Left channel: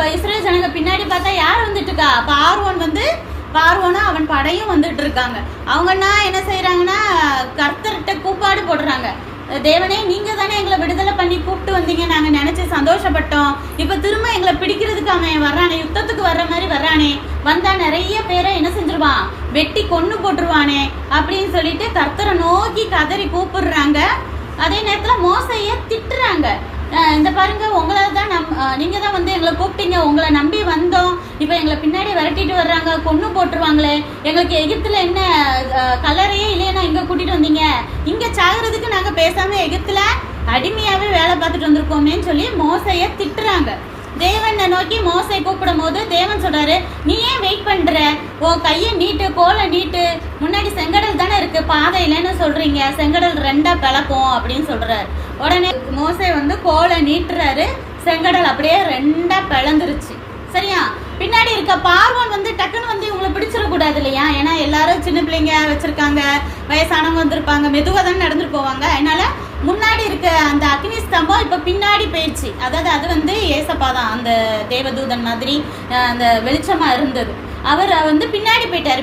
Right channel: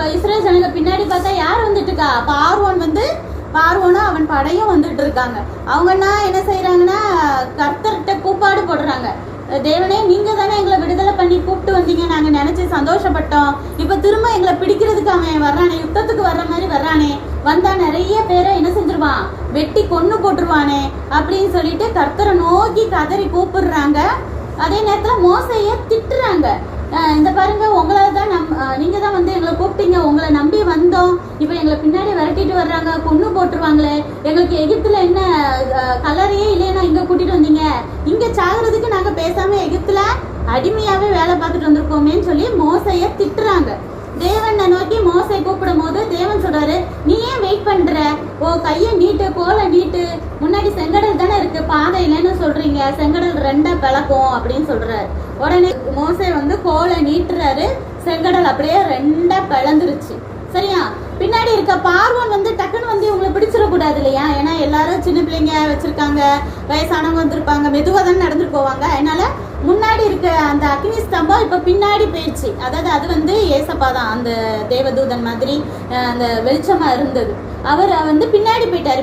இப்ப இஸ்ரேல் ஜனங்க பின்னாடி பார்த்தா யார் வந்துட்டு இருக்கா? பார்வோனும் அவன் படையும் வந்துட்டு இருக்காங்க. அவங்கன்னா என்ன செய்யறாங்கன்னா கர்த்தர்கிட்ட கூப்பாடு போடுறாங்க. தேவனே, நீங்க தானே எங்களை விடுதலை பண்ணி கூப்பிட்டு வந்தீங்க, நாங்க நினைச்சு சந்தோஷப்பட்டோம். இப்ப திரும்ப எங்களை பிடிக்கிறதுக்கு அவன் வர்றானே, யுத்தத்துக்கு வர்ற மாதிரி வர்றானே, வந்தா நிறைய பேரை என்ன செஞ்சிருவான், வெட்டி கொன்னு போட்டுருவானே அப்படின்னு சொல்லிட்டு கர்த்தரை நோக்கி கதறி கூப்பிடுறாங்க. அதே நேரத்துல மோசைய திட்டுறாங்க. இந்த பாருங்க, உங்களை தான் நீங்க தான் வந்து எங்களை கூப்பிட்டீங்க, உங்களை நம்பி வந்தோம், இப்ப எங்களை பின்னாடி விரட்டிட்டு வர்றாங்க, கொன்னு போட்டுருவாங்களே, எங்களுக்கு எகிப்துல என்ன கலரையே இல்லையா இங்க கூட்டிட்டு வந்தீங்க, இங்க சாகுறதுக்கு நாங்க பேசாம எகிப்துல அடிமையாவே வேலை பார்த்துட்டு வந்திருக்கோமேன்னு சொல்லி மோசைய திட்டுறாங்க. தேவனை நோக்கி மோசை கூப்பிடும் போது தேவன் சொல்றாரு, நீ ஏன் வெயிட் பண்ற, உன் கைய நீட்டு, கோலை நீட்டு, முன்னாடி செங்கடல் தானே இருக்கு, பாதை இல்லைன்னு சொல்றீங்க, செங்கடல் ரெண்டா பிளக்கும் அப்படின்னு சொல்றாரு. உடனே மோசை வந்து கோலை நீட்டுறாரு, செங்கடல் அப்படியே ரெண்டா பிளந்துருச்சு. சரியா? பின்னாடி இருக்க பார்வன் வந்து டக்குன்னு வந்து இவங்களை பிடிச்சிடக்கூடாது இல்லையா, ஏன்னா எல்லாரும் சின்ன பிள்ளைங்க வச்சிருக்காங்க, வயசானவங்க வந்திருப்பாங்க, மெதுவாக தானே நடந்துட்டு போவாங்க. அதனால முன்னாடி இருக்க அந்த அக்னி ஸ்தம்பம் இப்ப பின்னாடி போயிடுச்சு. அதாவது அது வந்து ஏசப்பா தான், அந்த தேவதூதன் மாதிரி அந்த வெளிச்சமா இருந்தது. அவர் வந்து பின்னாடி போயிட்டாரு.